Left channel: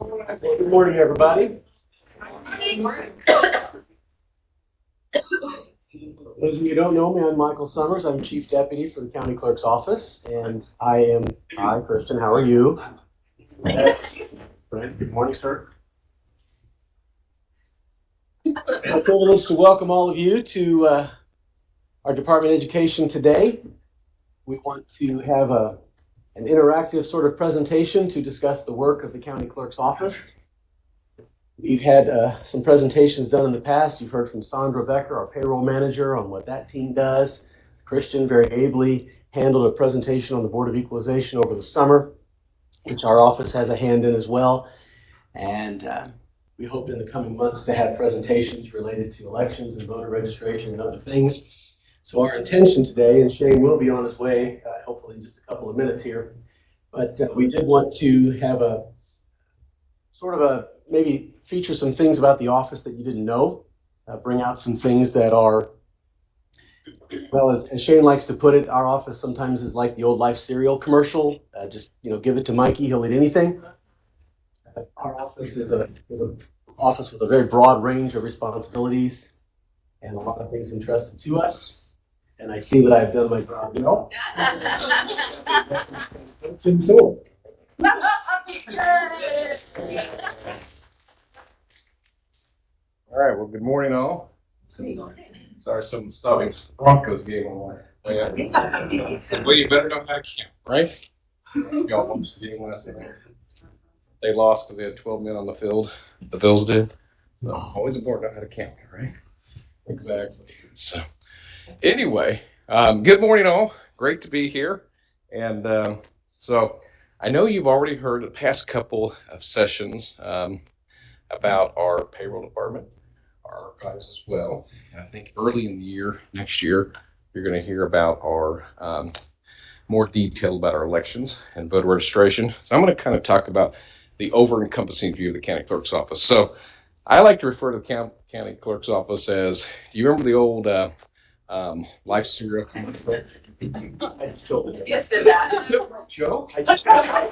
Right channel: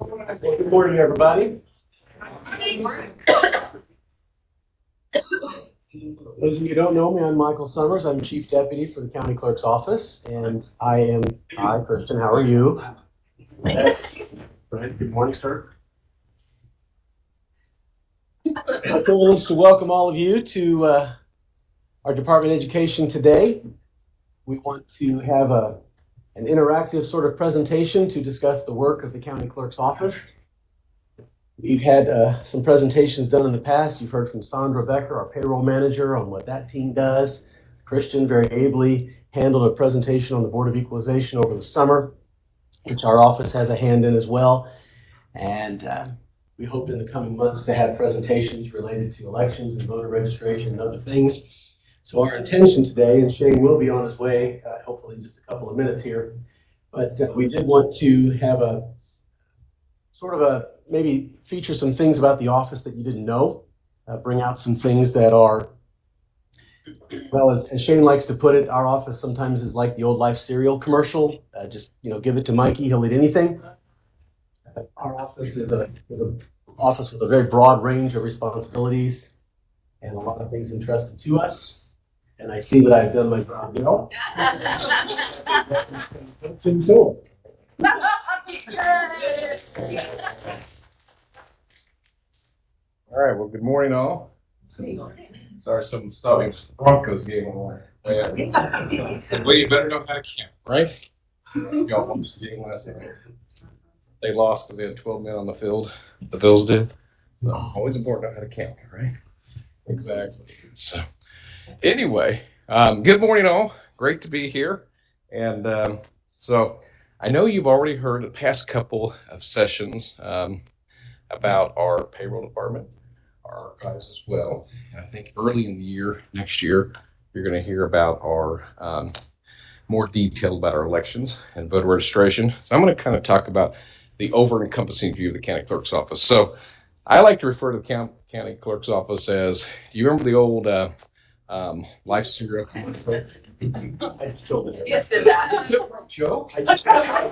Well, good morning, everybody. Those of you who don't know me, I'm Michael Summers. I'm Chief Deputy for the County Clerk's Office, and hi, Christian, how are you? Yes. Good morning, sir. It's my privilege to welcome all of you to our Department of Education today. We want to have an interactive sort of presentation to discuss the work of the County Clerk's Office. We've had some presentations done in the past. You've heard from Sandra Becker, our payroll manager, on what that team does. Christian very ably handled a presentation on the Board of Equalization over the summer, which our office has a hand in as well. And we hope in the coming months to have presentations related to elections and voter registration and other things. So our intention today, and Shane will be on his way, hopefully in just a couple of minutes here, but we did want to have a sort of a maybe feature some things about the office that you didn't know, bring out some things that are, well, as Shane likes to put it, our office sometimes is like the old Life cereal commercial. Just, give it to Mikey, he'll eat anything. Our office is an office with a very broad range of responsibilities and a lot of things entrusted to us. And I see that I've done my job well. All right, well, good morning, all. Sorry, some stuffing Broncos game on. Well, you better know how to count, right? Y'all watched the game last night. They lost because they had 12 men on the field. The Bills did. So, always important to know how to count, right? Exactly. So, anyway, good morning, all. Great to be here. And so, I know you've already heard the past couple of sessions about our payroll department, our archives as well. And I think early in the year, next year, you're going to hear about our more detail about our elections and voter registration. So I'm going to kind of talk about the over-encompassing view of the county clerk's office. So I like to refer to the county clerk's office as, you remember the old Life cereal? I just told it. Yes, did that. Joe? I just I'm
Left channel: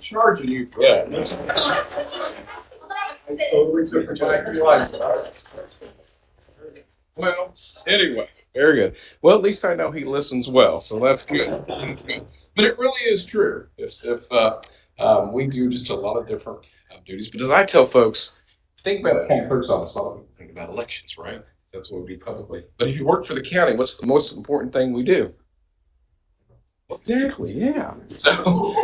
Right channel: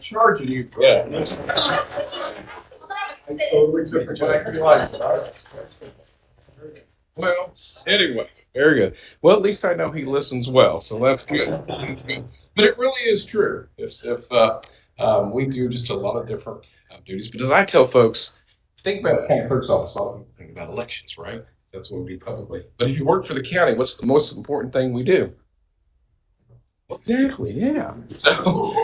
charging you for that. I totally took it back to life. Well, anyway, very good. Well, at least I know he listens well, so that's good. That's good. But it really is true. If we do just a lot of different duties, but as I tell folks, think about the county clerk's office. A lot of people think about elections, right? That's what we do publicly. But if you work for the county, what's the most important thing we do? Exactly. Yeah. So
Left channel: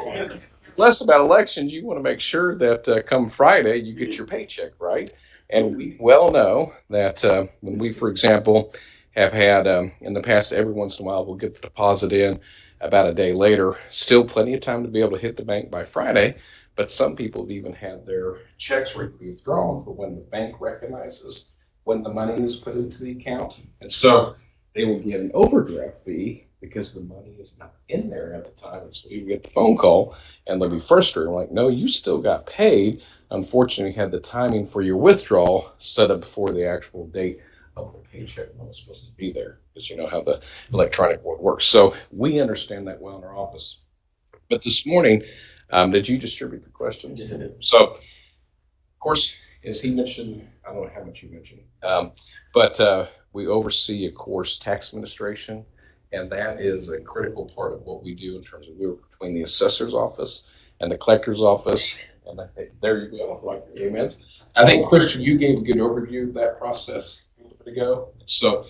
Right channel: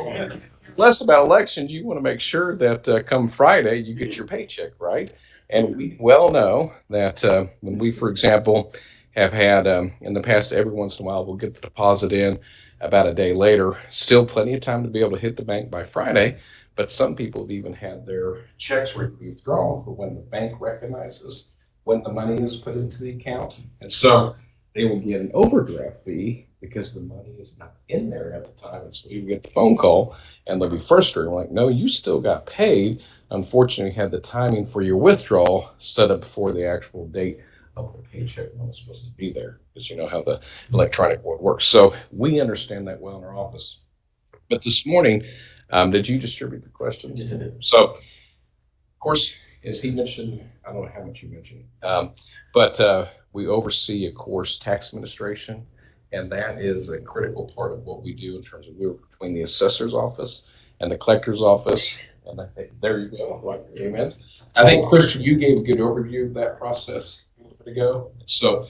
less about elections. You want to make sure that come Friday you get your paycheck, right? And we well know that when we, for example, have had in the past, every once in a while, we'll get the deposit in about a day later. Still plenty of time to be able to hit the bank by Friday. But some people have even had their checks withdrawn for when the bank recognizes when the money is put into the account. And so they will get an overdraft fee because the money is not in there at the time. And so you get the phone call and they'll be frustrated. Like, no, you still got paid. Unfortunately, had the timing for your withdrawal set up before the actual date of the paycheck when it's supposed to be there, because you know how the electronic world works. So we understand that well in our office. But this morning, did you distribute the questions? Yes, I did. So, of course, as he mentioned, I don't know how much you mentioned, but we oversee, of course, tax administration, and that is a critical part of what we do in terms of we work between the assessor's office and the collector's office. And I think there you go. Like, amen. I think, Christian, you gave a good overview of that process a little bit ago. So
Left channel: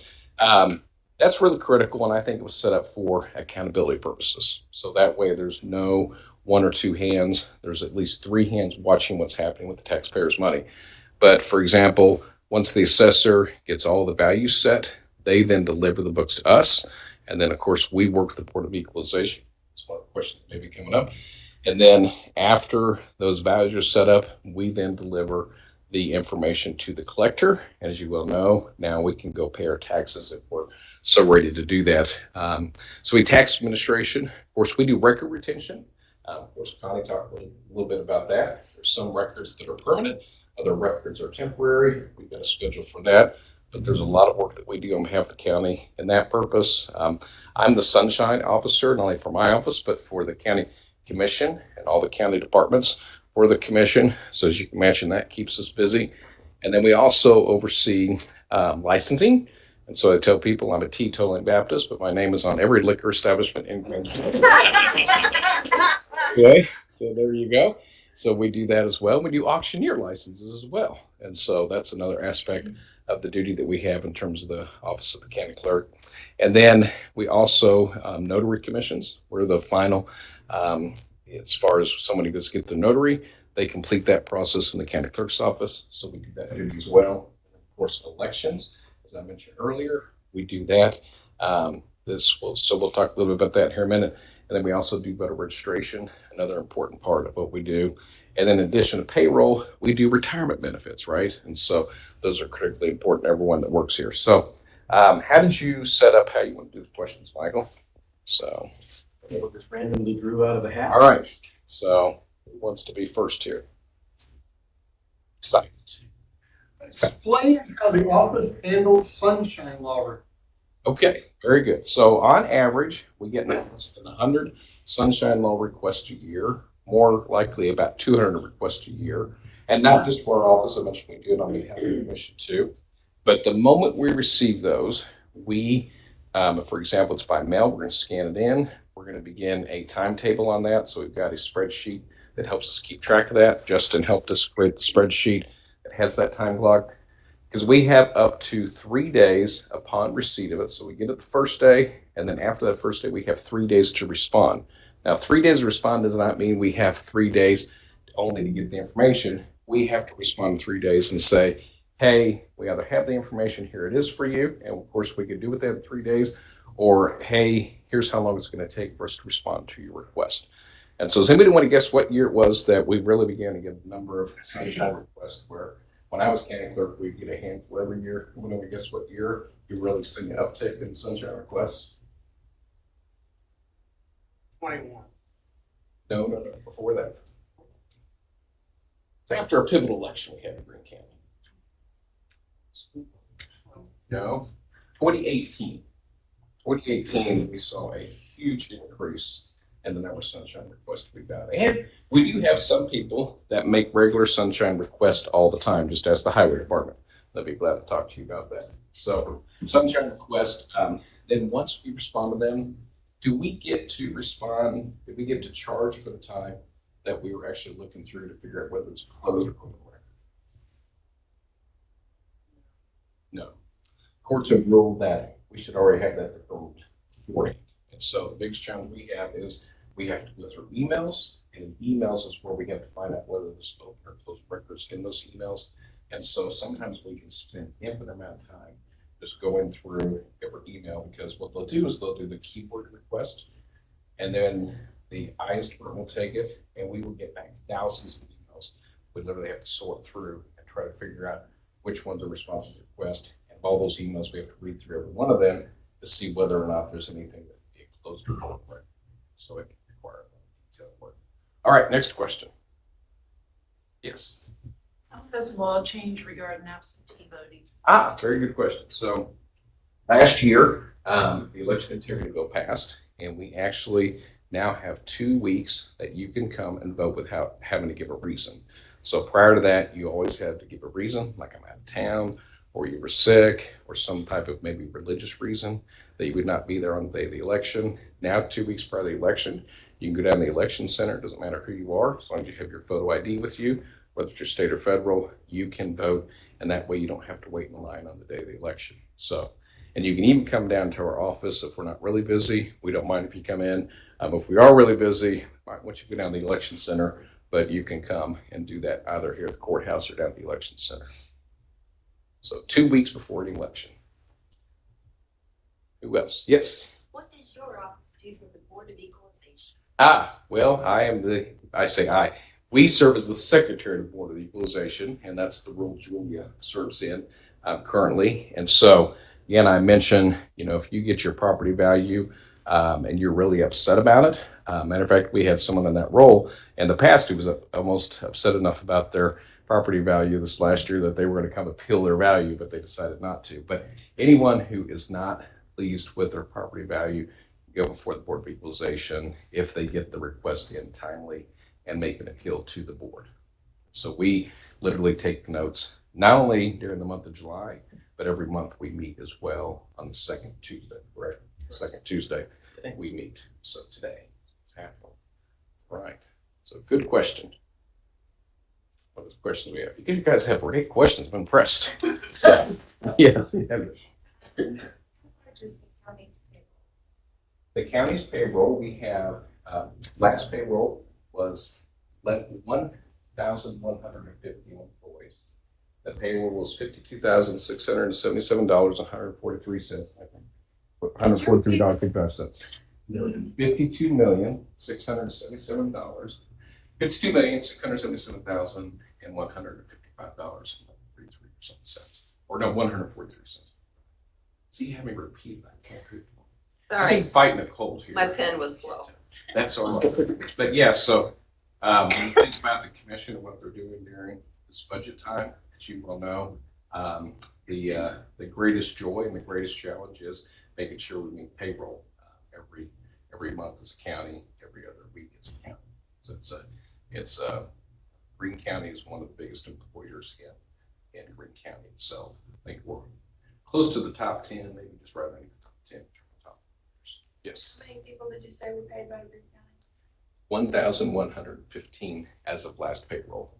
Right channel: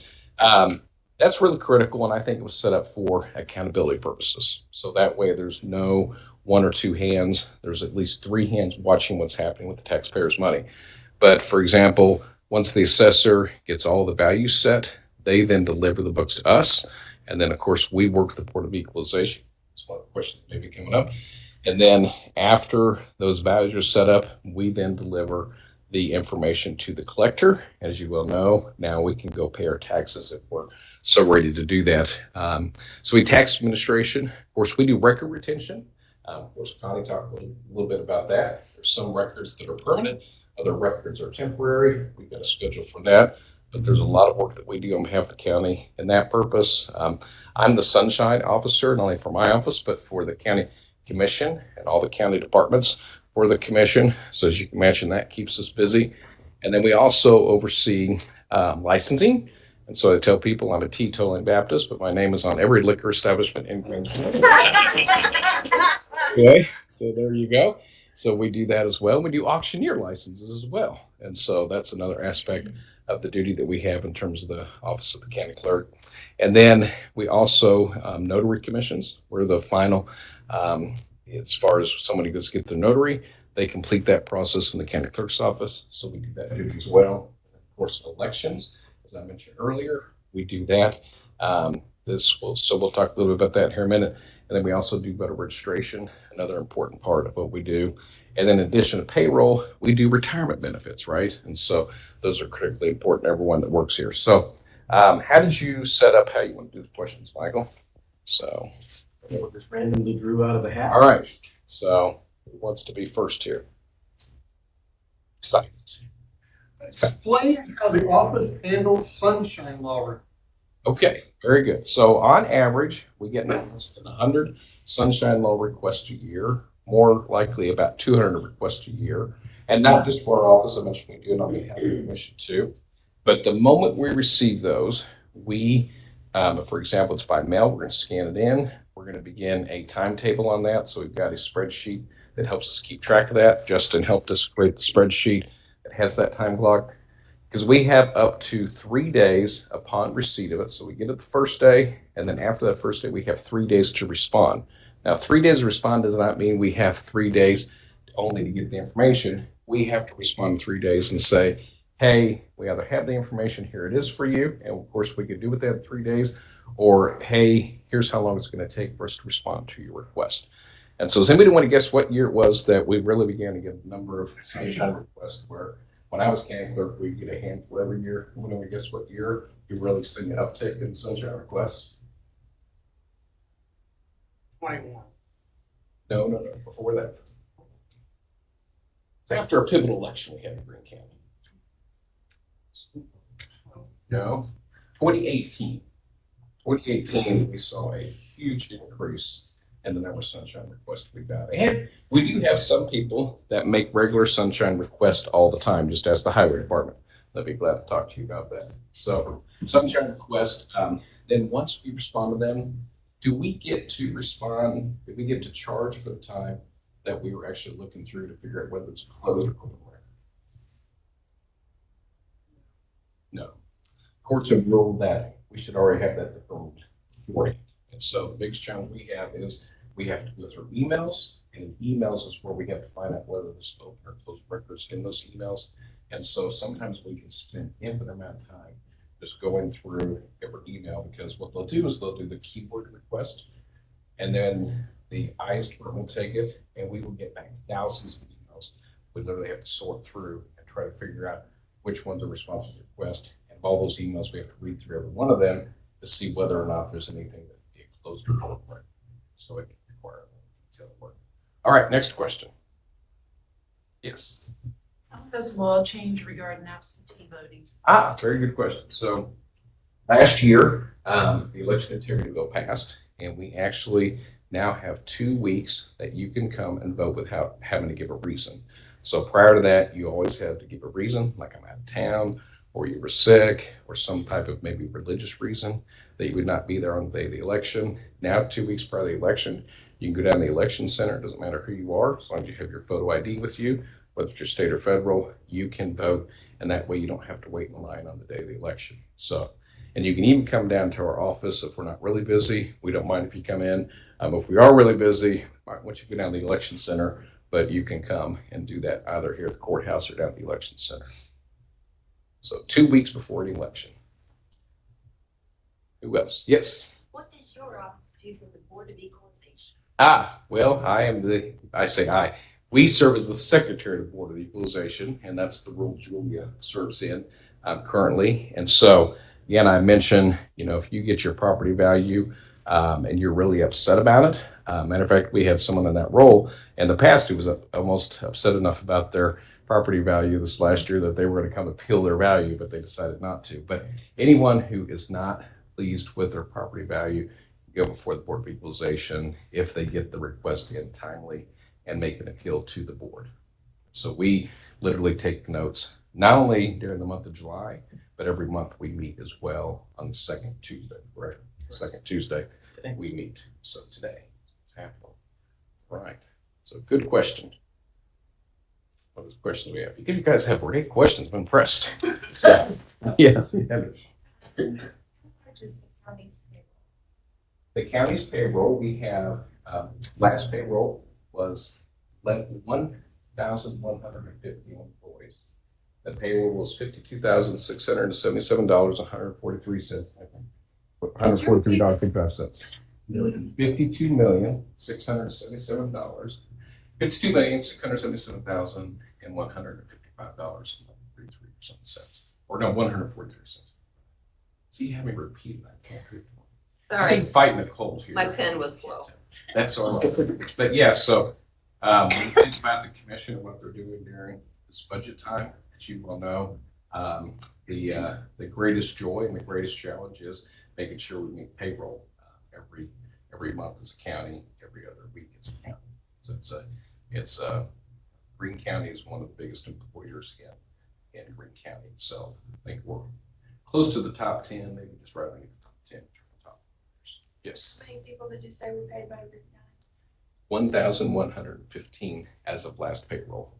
that's really critical, and I think it was set up for accountability purposes. So that way there's no one or two hands. There's at least three hands watching what's happening with the taxpayers' money. But for example, once the assessor gets all the values set, they then deliver the books to us. And then, of course, we work with the Board of Equalization. That's one of the questions that may be coming up. And then after those values are set up, we then deliver the information to the collector. And as you well know, now we can go pay our taxes if we're so ready to do that. So we tax administration. Of course, we do record retention. Of course, Connie talked a little bit about that. There's some records that are permanent. Other records are temporary. We've got a schedule for that. But there's a lot of work that we do on behalf of the county in that purpose. I'm the sunshine officer, not only for my office, but for the county commission and all the county departments for the commission. So as you can imagine, that keeps us busy. And then we also oversee licensing. And so I tell people I'm a teetotaling Baptist, but my name is on every liquor establishment in Grand County. Okay, so there you go. So we do that as well. We do auctioneer licenses as well. And so that's another aspect of the duty that we have in terms of the office of the county clerk. And then we also notary commissions. We're the final, as far as somebody goes to get the notary, they complete that process in the county clerk's office. So we do that duty as well. Of course, elections, as I mentioned earlier, we do that. So we'll talk a little bit about that here in a minute. And then we also do voter registration, another important part of what we do. And then in addition to payroll, we do retirement benefits, right? And so those are critically important to everyone that works here. So how did you set up how you want to do the questions, Michael? So Just randomly drew out of a hat. all right. So who wants to be first here? Excited. Explain how the office handles sunshine law. Okay, very good. So on average, we get less than 100 sunshine law requests a year, more likely about 200 requests a year. And not just for our office, I mentioned we do it on behalf of the commission too. But the moment we receive those, we, for example, it's by mail, we're going to scan it in. We're going to begin a timetable on that. So we've got a spreadsheet that helps us keep track of that. Justin helped us create the spreadsheet that has that time clock, because we have up to 3 days upon receipt of it. So we get it the first day, and then after that first day, we have 3 days to respond. Now, 3 days to respond does not mean we have 3 days only to get the information. We have to respond in 3 days and say, hey, we either have the information, here it is for you, and of course we could do with that in 3 days, or hey, here's how long it's going to take for us to respond to your request. And so does anybody want to guess what year it was that we really began to get a number of sunshine requests, where when I was county clerk, we'd get a handful every year? When we guess what year you really see an uptick in sunshine requests? 21. No, before that. It's after a pivotal election we had in Greene County. No, 2018. 2018, we saw a huge increase in the number of sunshine requests we got. And we do have some people that make regular sunshine requests all the time, just as the highway department. They'll be glad to talk to you about that. So sunshine request, then once we respond to them, do we get to respond, do we get to charge for the time that we were actually looking through to figure out whether it's closed or open? No. Courts have ruled that we should already have that approved beforehand. And so the biggest challenge we have is we have to go through emails, and in emails is where we have to find out whether there's open or closed records in those emails. And so sometimes we can spend infinite amount of time just going through every email, because what they'll do is they'll do the keyword request, and then the IS department will take it, and we will get back thousands of emails. We literally have to sort through and try to figure out which ones are responsive to request. And all those emails, we have to read through every one of them to see whether or not there's anything that can be closed or open. So it can require detailed work. All right, next question. Yes. How does law change regarding absentee voting? Very good question. So last year, the election integrity bill passed, and we actually now have 2 weeks that you can come and vote without having to give a reason. So prior to that, you always had to give a reason, like I'm out of town, or you were sick, or some type of maybe religious reason that you would not be there on the day of the election. Now, 2 weeks prior to the election, you can go down to the election center. It doesn't matter who you are, as long as you have your photo ID with you, whether it's your state or federal, you can vote, and that way you don't have to wait in line on the day of the election. So, and you can even come down to our office if we're not really busy. We don't mind if you come in. If we are really busy, I might want you to go down to the election center, but you can come and do that either here at the courthouse or down at the election center. So 2 weeks before the election. Who else? Yes. What does your office do for the Board of Equalization? Well, we serve as the secretary of the Board of Equalization, and that's the role Julia serves in currently. And so, again, I mentioned, if you get your property value and you're really upset about it. Matter of fact, we had someone in that role in the past who was almost upset enough about their property value this last year that they were going to come appeal their value, but they decided not to. But anyone who is not pleased with their property value, go before the Board of Equalization if they get the request in timely and make an appeal to the board. So we literally take notes, not only during the month of July, but every month we meet as well on the second Tuesday, correct? Second Tuesday we meet. So today it's happening. Right. So good question. What is the question we have? You guys have great questions. I'm impressed. So, yes. The county's payroll, we have, last payroll was 1,150 employees. The payroll was $52,677, 143 cents, I think. $143.55. $52,677. $52,677,155.33 or no, 143 cents. So you have me repeat that. I've Sorry, been fighting a cold here. my pen was slow. That's all right. But yeah, so when you think about the commission and what they're doing during this budget time, as you well know, the greatest joy and the greatest challenge is making sure we meet payroll every month as a county, every other week as a county. So it's Greene County is one of the biggest employers in Greene County. So I think we're close to the top 10, maybe just right underneath the top 10. Yes. How many people did you say were paid by Greene County? 1,115 as of last payroll.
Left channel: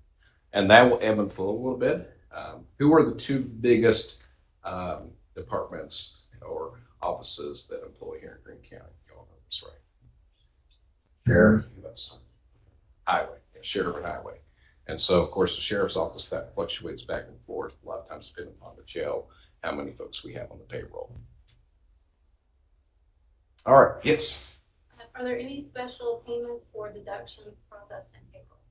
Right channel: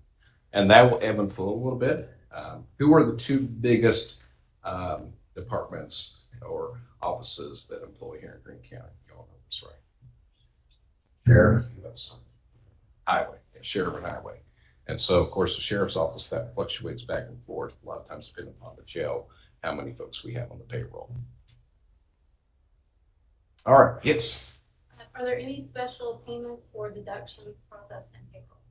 And that will ebb and flow a little bit. Who are the two biggest departments or offices that employ here in Greene County? You all know this, right? Sheriff, yes. Highway, yeah, sheriff and highway. And so, of course, the sheriff's office, that fluctuates back and forth, a lot of times depending upon the jail, how many folks we have on the payroll. All right, yes. Are there any special payments or deductions processed in payroll?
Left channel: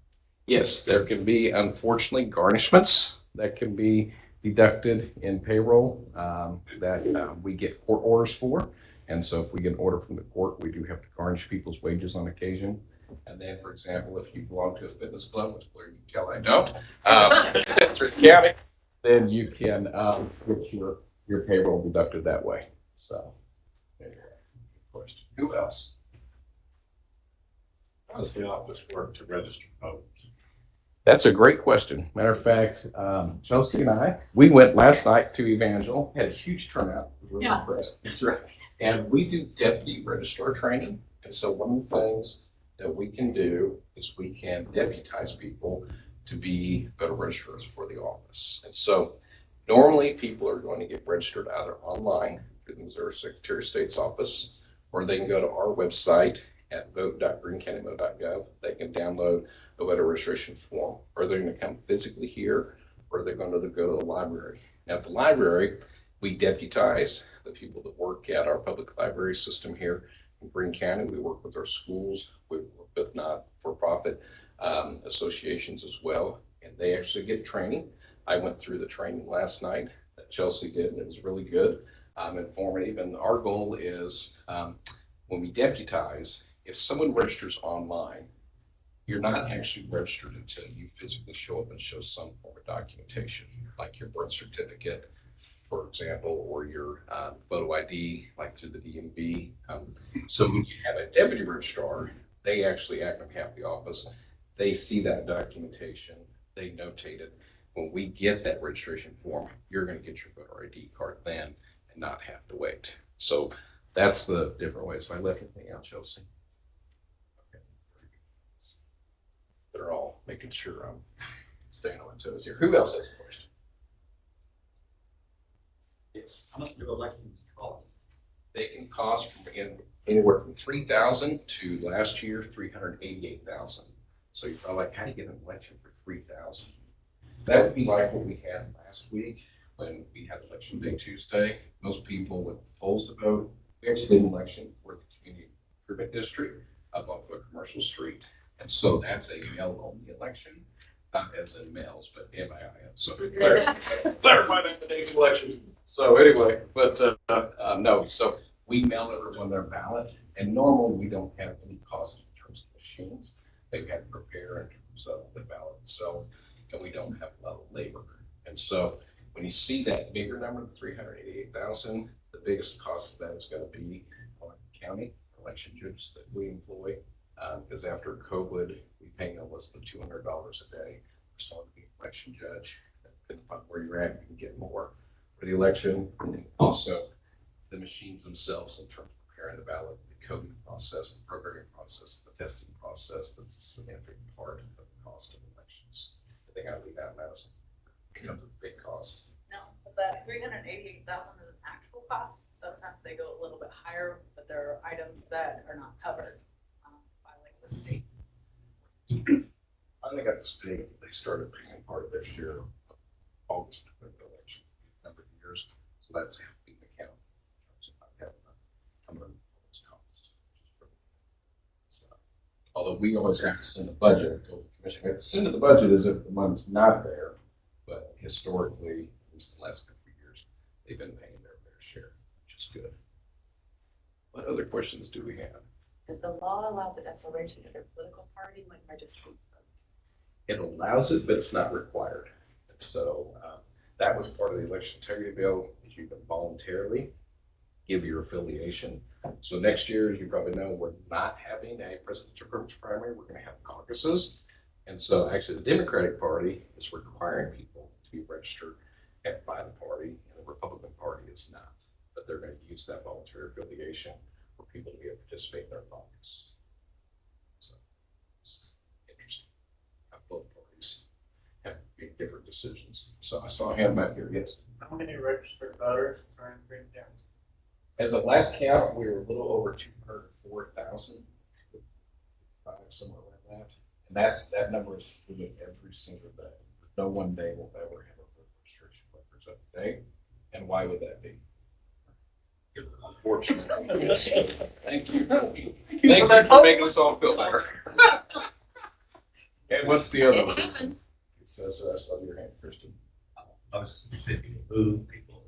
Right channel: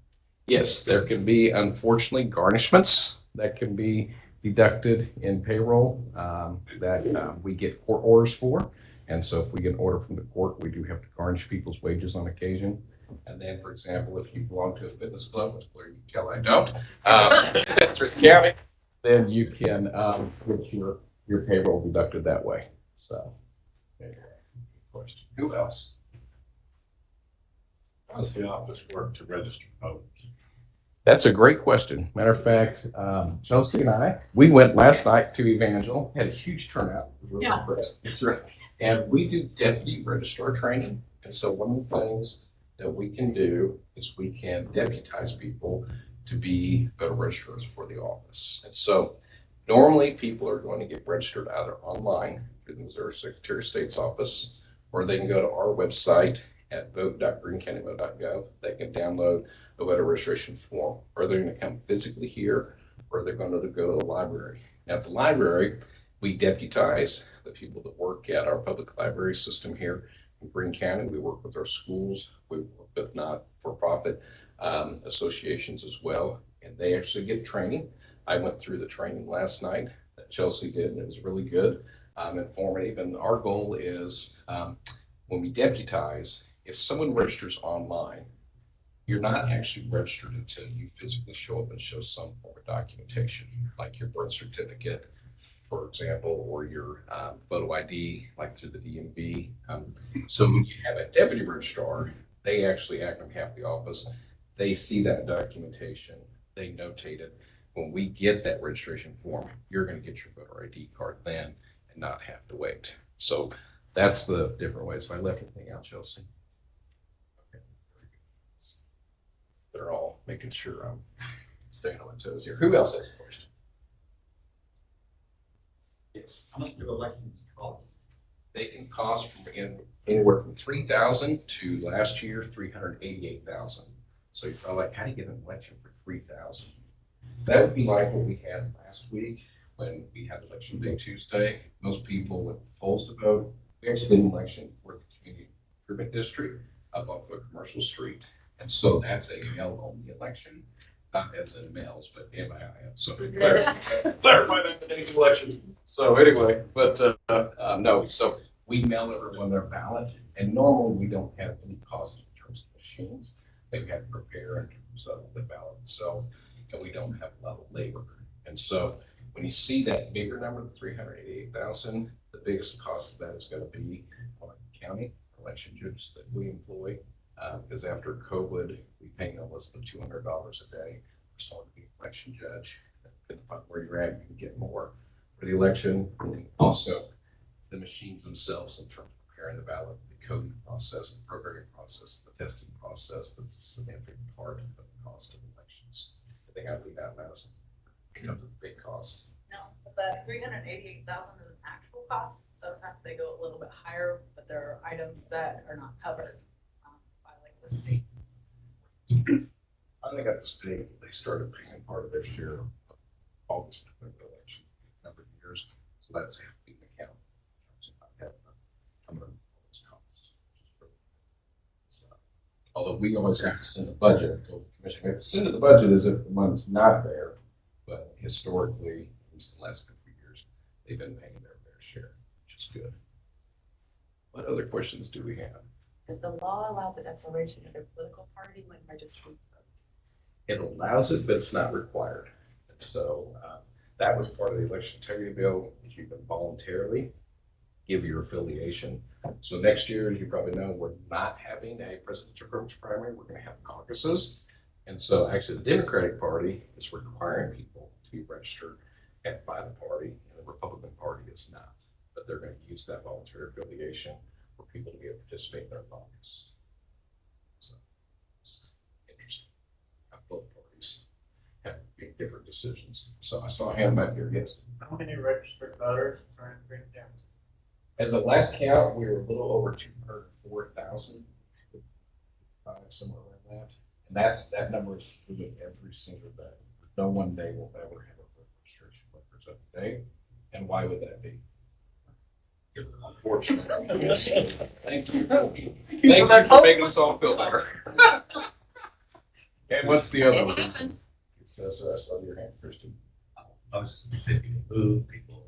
Yes, there can be, unfortunately, garnishments that can be deducted in payroll that we get court orders for. And so if we get an order from the court, we do have to garnish people's wages on occasion. And then, for example, if you belong to a fitness club, which clearly you can tell I don't, through the county, then you can get your payroll deducted that way. So, anyway, question. Who else? How does the office work to register voters? That's a great question. Matter of fact, Chelsea and I, we went last night to Evangel, had a huge turnout. We were really impressed. That's right. And we do deputy registrar training. And so one of the things that we can do is we can deputize people to be voter registrars for the office. And so normally people are going to get registered either online through the Missouri Secretary of State's office, or they can go to our website at vote.greenecountymo.gov. They can download a voter registration form, or they're going to come physically here, or they're going to go to the library. Now, at the library, we deputize the people that work at our public library system here in Greene County. We work with our schools. We work with not-for-profit associations as well, and they actually get training. I went through the training last night that Chelsea did, and it was really good, informative. And our goal is when we deputize, if someone registers online, you're not actually registered until you physically show up and show some form of documentation, like your birth certificate, for example, or your photo ID, like through the DMV. So when you have a deputy registrar, they actually act on behalf of the office. They see that documentation, they notate it. When we get that registration form, you're going to get your voter ID card then and not have to wait. So that's the different ways. If I left anything out, Chelsea? Okay. They're all making sure I'm staying on my toes here. Who else has a question? Yes. How much do elections cost? They can cost from anywhere from $3,000 to last year $388,000. So you're probably like, how do you get an election for $3,000? That would be like what we had last week when we had election day Tuesday. Most people went to the polls to vote. We actually did an election for the community improvement district up off of Commercial Street, and so that's a mail-only election, not as in mails, but MIIM. So clarify that in today's elections. So anyway, but no, so we mail everyone their ballot, and normally we don't have any cost in terms of machines. They have to prepare in terms of the ballot itself, and we don't have a lot of labor. And so when you see that bigger number, the 388,000, the biggest cost of that is going to be on the county election judges that we employ. Because after COVID, we pay no less than $200 a day for someone to be an election judge. Depending upon where you're at, you can get more for the election. And also, the machines themselves in terms of preparing the ballot, the coding process, the programming process, the testing process, that's a significant part of the cost of elections. I think I leave out Madison. It becomes a big cost. No, but 388,000 is an actual cost. Sometimes they go a little bit higher, but there are items that are not covered by like the state. I think at the state, they started paying part of their share of August of the election a number of years. So that's helping the county in terms of not having a number of those costs. So, although we always have to send the budget, to the commission, we have to send the budget as if the money's not there. But historically, at least the last couple of years, they've been paying their fair share, which is good. What other questions do we have? Does the law allow the declaration of a political party when registering? It allows it, but it's not required. And so that was part of the election integrity bill, is you can voluntarily give your affiliation. So next year, as you probably know, we're not having a presidential primary. We're going to have caucuses. And so actually the Democratic Party is requiring people to be registered by the party, and the Republican Party is not. But they're going to use that voluntary affiliation for people to be able to participate in their caucus. So it's interesting how both parties have made different decisions. So I saw a hand back here, yes. How many registered voters are in Green County? As of last count, we were a little over 204,000, somewhere around that. And that number is fluid every single day. No one day will ever have a registration records up to date. And why would that be? Unfortunately. Thank you. Thank you for making us all feel better. And what's the other It reason? happens. So I saw your hand, Kristen. I was just specific to move people.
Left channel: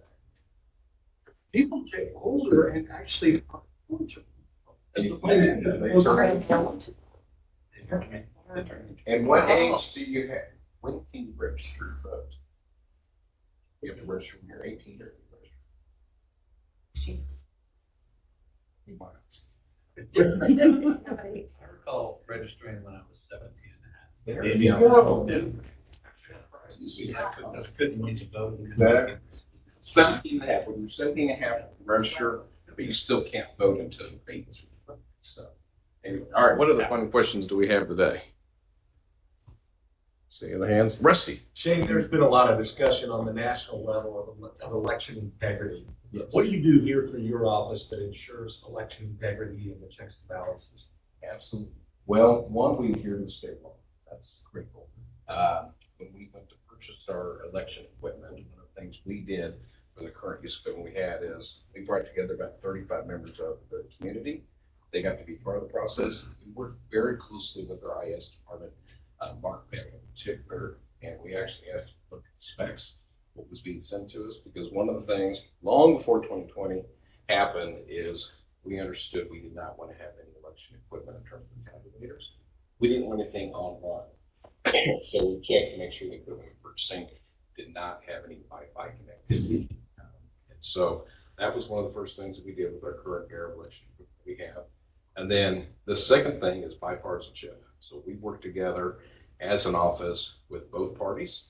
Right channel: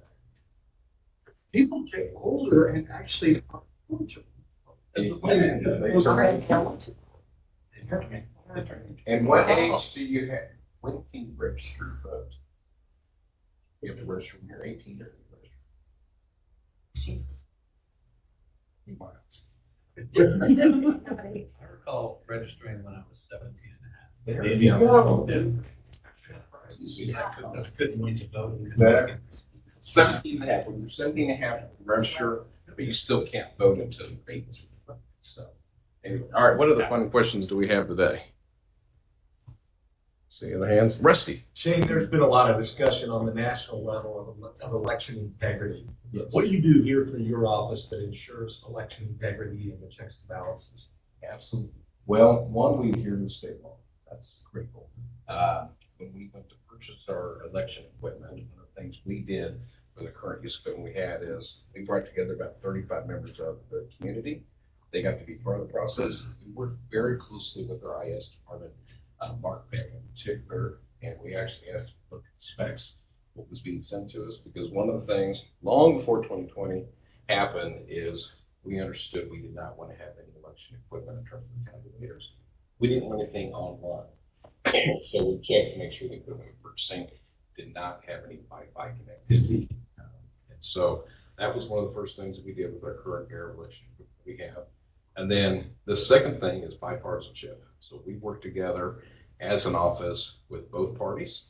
People get older and actually are eligible. And what age do you have? When can you register to vote? You have to register when you're 18 or you might. I recall registering when I was 17 and a half. There Maybe you I go. I couldn't get to vote. Exactly. 17 and a half. When you're 17 and a half, register, but you still can't vote until you're 18. So, anyway, all right, what other fun questions do we have today? See other hands? Rusty. Shane, there's been a lot of discussion on the national level of election integrity. Yes. What do you do here through your office that ensures election integrity and the checks and balances? Absolutely. Well, one, we adhere to the state law. That's critical. When we went to purchase our election equipment, one of the things we did for the current use equipment we had is we brought together about 35 members of the community. They got to be part of the process. We worked very closely with our IS department, Mark Beck in particular, and we actually asked to look at the specs, what was being sent to us, because one of the things long before 2020 happened is we understood we did not want to have any election equipment in terms of the tabulars. We didn't want anything online. So we checked to make sure the equipment we were purchasing did not have any Wi-Fi connectivity. And so that was one of the first things that we did with our current air election equipment we have. And then the second thing is bipartisanship. So we work together as an office with both parties.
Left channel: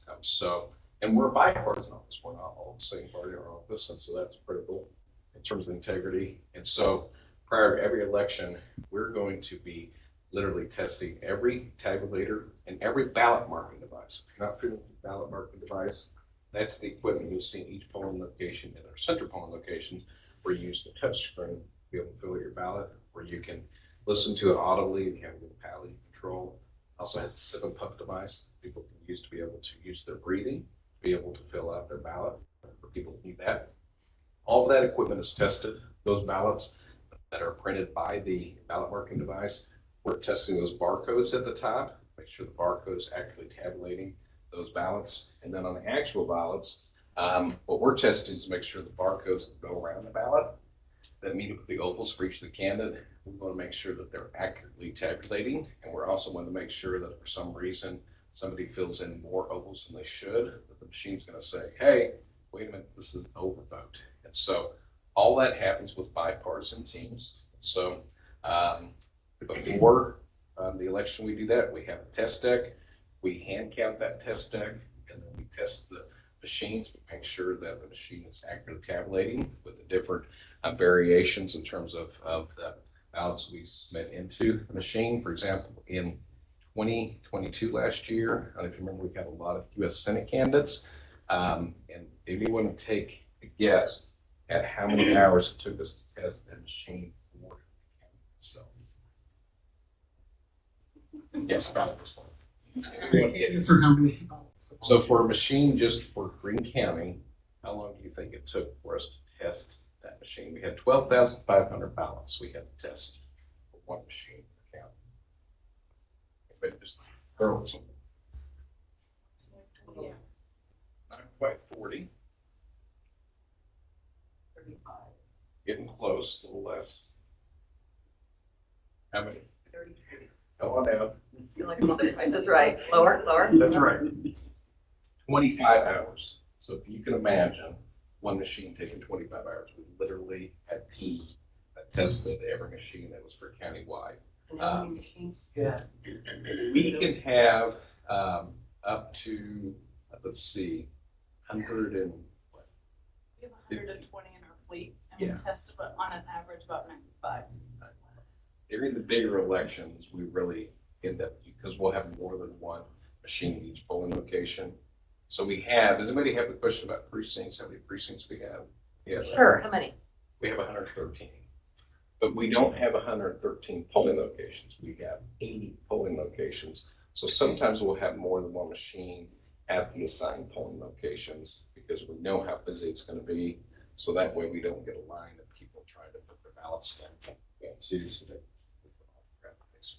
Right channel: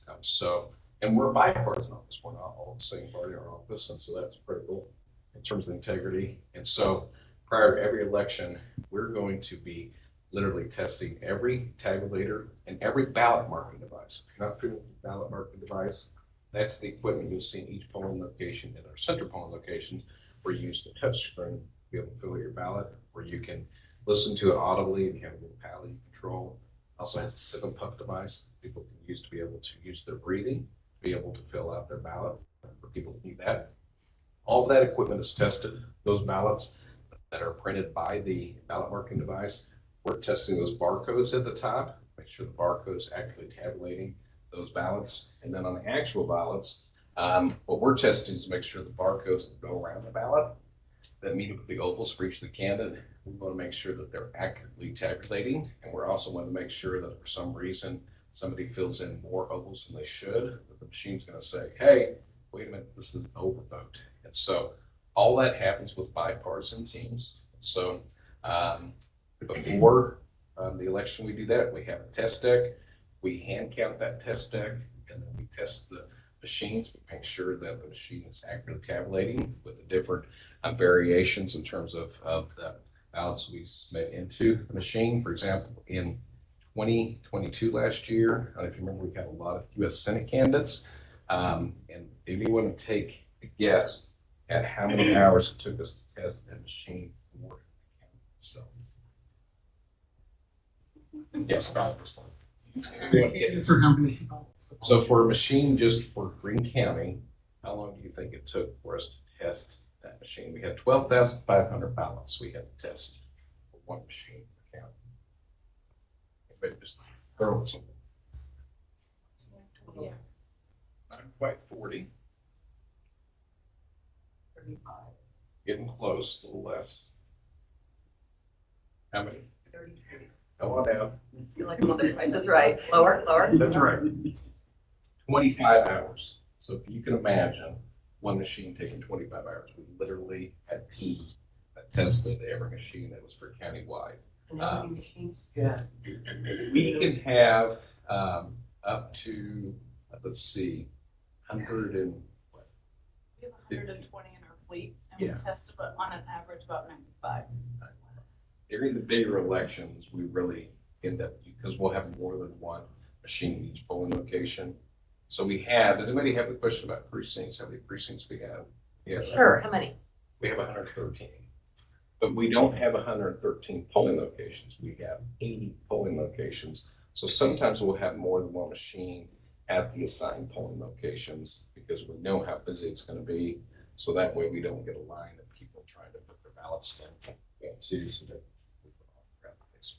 And we're a bipartisan office. We're not all the same party in our office. And so that's critical in terms of integrity. And so prior to every election, we're going to be literally testing every tabulator and every ballot marking device. If you're not familiar with the ballot marking device, that's the equipment you'll see in each polling location. And our center polling locations, where you use the touch screen to be able to fill your ballot, where you can listen to it audibly and you have a little palette control. Also has a sip and puff device people can use to be able to use their breathing, be able to fill out their ballot for people who need that. All of that equipment is tested. Those ballots that are printed by the ballot marking device, we're testing those barcodes at the top, make sure the barcode is accurately tabulating those ballots. And then on the actual ballots, what we're testing is to make sure the barcodes that go around the ballot that meet up with the ovals for each of the candidate, we want to make sure that they're accurately tabulating. And we're also want to make sure that for some reason somebody fills in more ovals than they should, that the machine's going to say, hey, wait a minute, this is an overvote. And so all that happens with bipartisan teams. So Before the election, we do that. We have a test deck. We hand count that test deck, and then we test the machines to make sure that the machine is accurately tabulating with the different variations in terms of the ballots we submit into the machine. For example, in 2022 last year, I don't know if you remember, we had a lot of U.S. Senate candidates. And if you want to take a guess at how many hours it took us to test that machine for the county itself. Yes, about this one. For how many people? So for a machine just for Greene County, how long do you think it took for us to test that machine? We had 12,500 ballots we had to test for one machine per county. But just throw some. Not quite 40. 35. Getting close, a little less. How many? 33. Come on down. You're like, the price is right. Lower, lower. That's right. 25 hours. So if you can imagine one machine taking 25 hours, we literally had teams that tested every machine that was for countywide. And how many machines? Yeah. We can have up to, let's see, 100 and what? We have 120 in our fleet, and we Yeah. test about, on an average, about 95. During the bigger elections, we really end up, because we'll have more than one machine in each polling location. So we have, does anybody have a question about precincts? How many precincts we have? Yeah. Sure, how many? We have 113. But we don't have 113 polling locations. We have 80 polling locations. So sometimes we'll have more than one machine at the assigned polling locations because we know how busy it's going to be. So that way we don't get a line of people trying to put their ballots in. Too, so that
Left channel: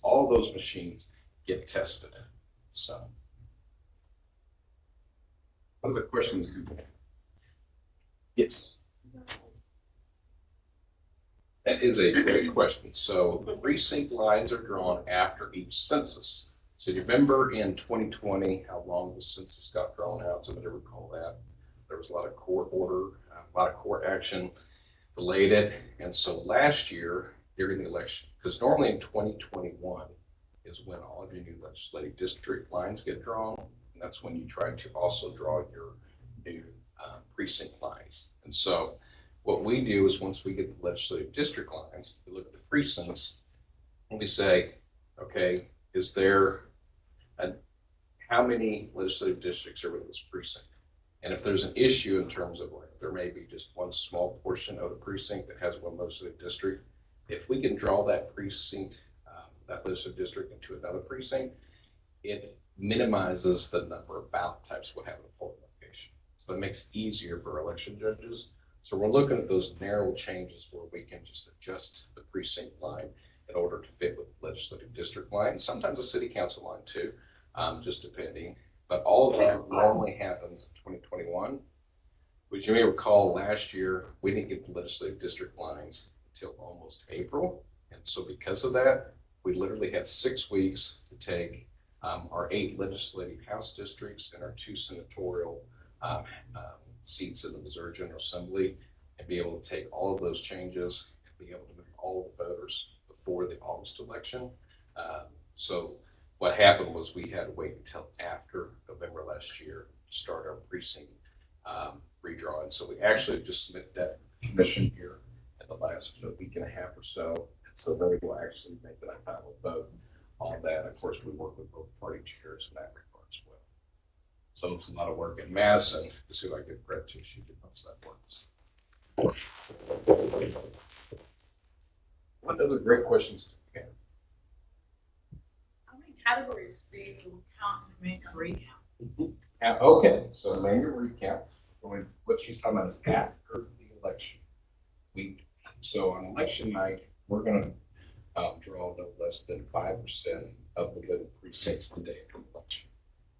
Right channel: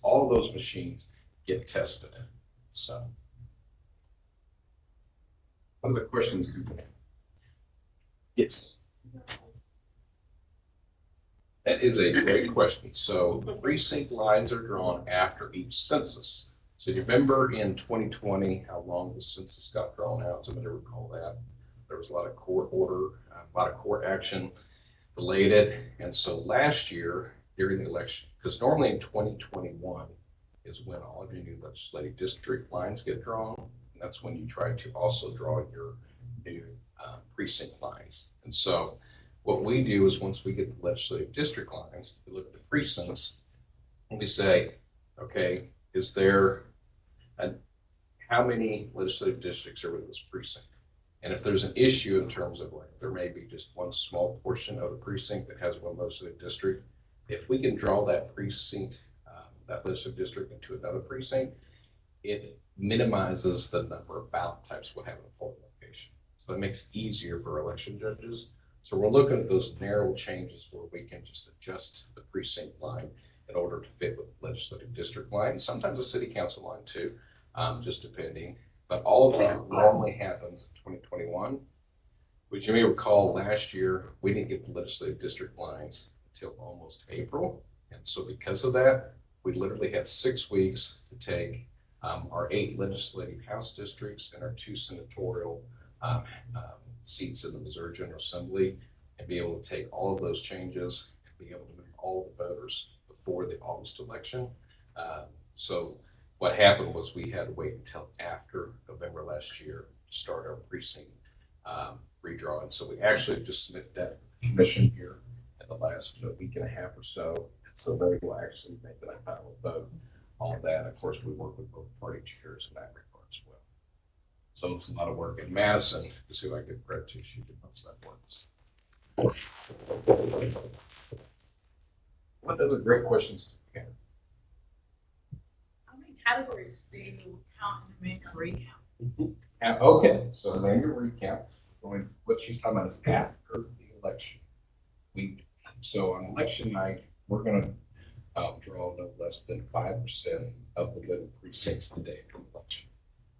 all those machines get tested. So, what other questions do you have? Yes. That is a great question. So the precinct lines are drawn after each census. So you remember in 2020 how long the census got drawn out? Somebody recall that? There was a lot of court order, a lot of court action delayed it. And so last year during the election, because normally in 2021 is when all of your new legislative district lines get drawn. And that's when you try to also draw your new precinct lines. And so what we do is once we get the legislative district lines, we look at the precincts and we say, okay, is there how many legislative districts are in this precinct? And if there's an issue in terms of like, there may be just one small portion of the precinct that has one legislative district, if we can draw that precinct, that legislative district into another precinct, it minimizes the number of ballot types we'll have in a polling location. So that makes it easier for election judges. So we're looking at those narrow changes where we can just adjust the precinct line in order to fit with the legislative district line, and sometimes the city council line too, just depending. But all of that normally happens in 2021, which you may recall last year, we didn't get the legislative district lines until almost April. And so because of that, we literally had 6 weeks to take our 8 legislative House districts and our 2 senatorial seats in the Missouri General Assembly and be able to take all of those changes and be able to move all the voters before the August election. So what happened was we had to wait until after November last year to start our precinct redrawing. So we actually just submitted that commission here in the last week and a half or so. So they will actually make that final vote on that. Of course, we work with both party chairs in that regard as well. So it's a lot of work. And Madison is who I give credit to. She did most of that work. What other great questions do you have? How many categories do you count and make a recount? Okay, so the manual recount, what she's talking about is after the election. So on election night, we're gonna draw no less than 5% of the voting precincts the day of the election.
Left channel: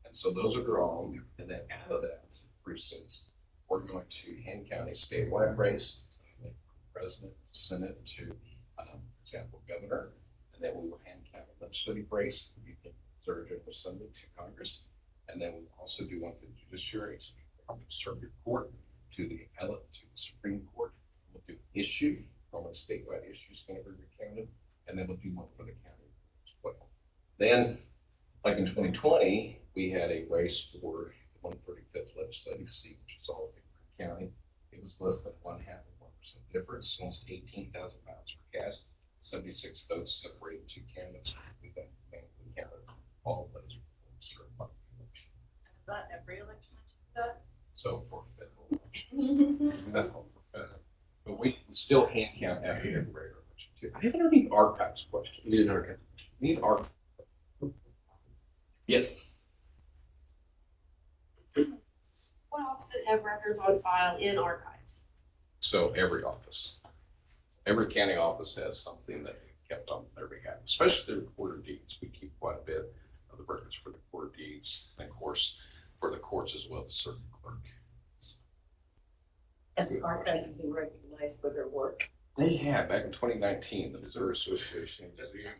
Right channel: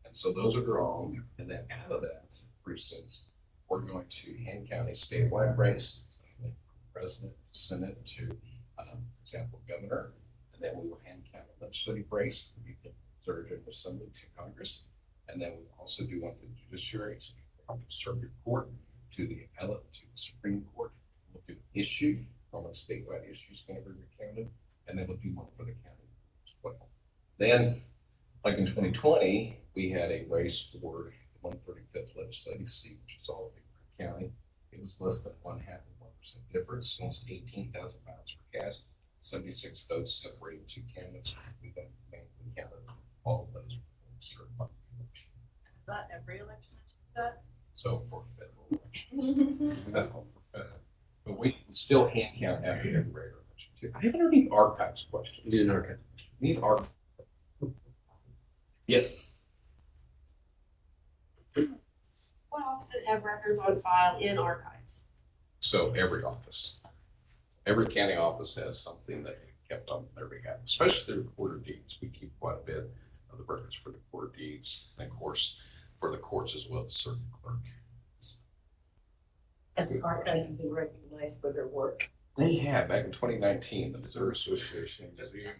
And so those are drawn, and then out of that precincts, we're going to hand count a statewide race, so president, senate to, for example, governor, and then we will hand count a legislative race, Missouri General Assembly to Congress, and then we also do one for the judiciary, so from the circuit court to the appellate to the Supreme Court. We'll do issue, normally statewide issue is going to be recounted, and then we'll do one for the county as well. Then, like in 2020, we had a race for the 135th legislative seat, which is all in Green County. It was less than 0.5% difference, almost 18,000 ballots were cast, 76 votes separated two candidates. We counted all of those certified election. Is that every election that you've got? So for federal elections, not all for federal, but we can still hand count after every regular election too. I haven't heard any archives questions. Need an archive. Need archives. Yes. What offices have records on file in archives? So every office, every county office has something that they kept on their behalf, especially the recorder deeds. We keep quite a bit of the records for the recorder deeds, and of course, for the courts as well, the circuit clerk. Has the archives been recognized for their work? They have, back in 2019, the Missouri Association of Museum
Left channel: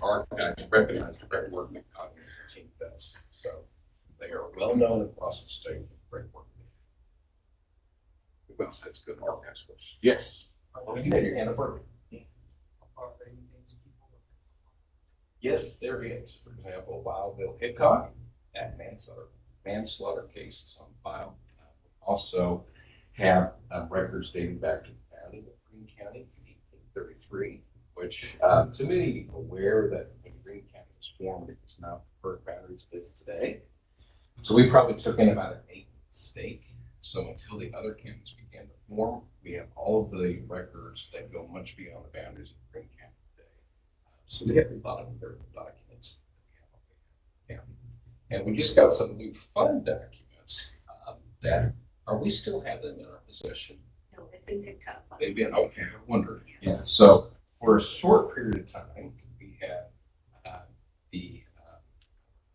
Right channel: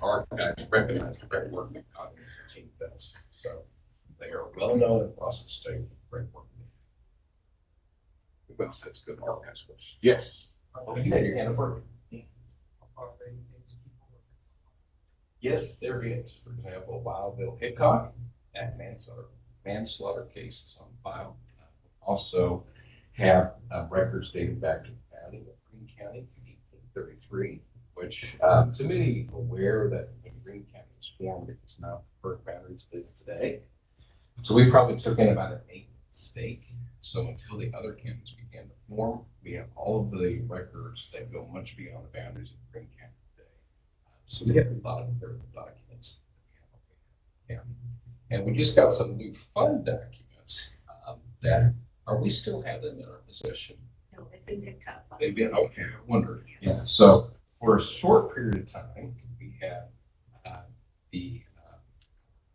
Archives recognized the great work that Cognitive team does. So they are well known across the state for the great work. Who else has good archives? Yes. You had your hand up. Yes, there is. For example, Wild Bill Hickok, that manslaughter case is on file. Also have records dating back to the founding of Greene County in 1833, which to me, aware that when Greene County was formed, it was not the current boundaries it is today. So we probably took in about an 8th state. So until the other counties began to form, we have all of the records that go much beyond the boundaries of Greene County today. So we have a lot of empirical documents that we have. And we just got some new fund documents that we still have them in our possession. No, they've been picked up. They've been, okay, I wonder. Yeah, so for a short period of time, we have the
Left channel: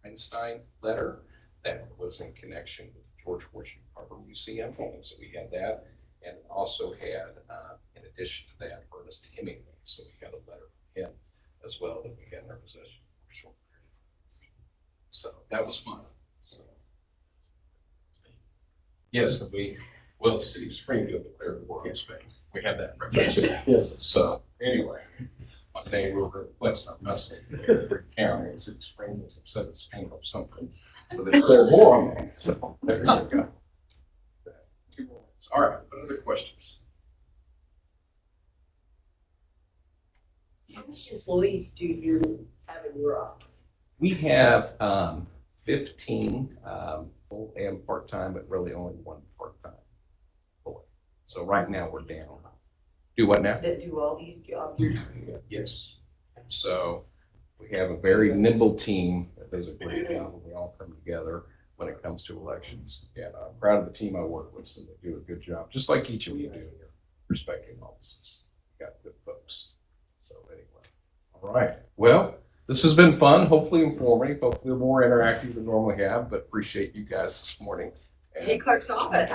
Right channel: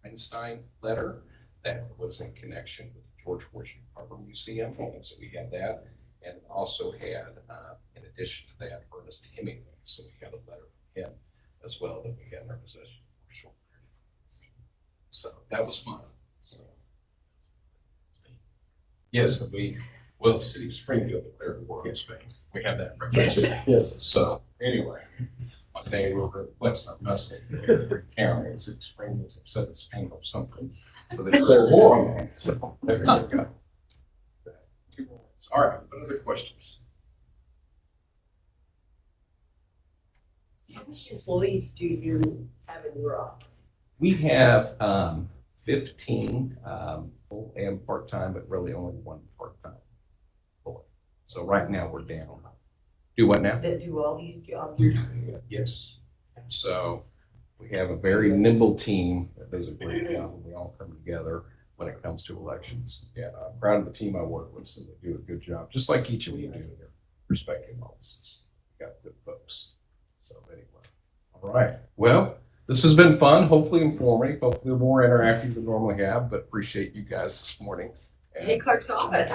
Einstein letter that was in connection with the George Washington Carver Museum. And so we had that, and also had, in addition to that, Ernest Hemingway. So we had a letter from him as well that we had in our possession for a short period of time. So that was fun. So, yes, well, the city of Springfield declared war on Spain. We have that record. Yes. So anyway, my name will reflect our message. Every county in City of Springfield said it's Spain or something. So they declared war on me. So there you go. 2 points. All right, what other questions? How many employees do you have in your office? We have 15 full and part-time, but really only 1 part-time employee. So right now we're down. Do what now? That do all these jobs? Yes. So we have a very nimble team that does a great job, and we all come together when it comes to elections. And I'm proud of the team I work with, so they do a good job, just like each of you do in your respective offices. You got good folks. So anyway, all right. Well, this has been fun, hopefully informative, hopefully more interactive than we normally have, but appreciate you guys this morning. Hey, Clerk's office.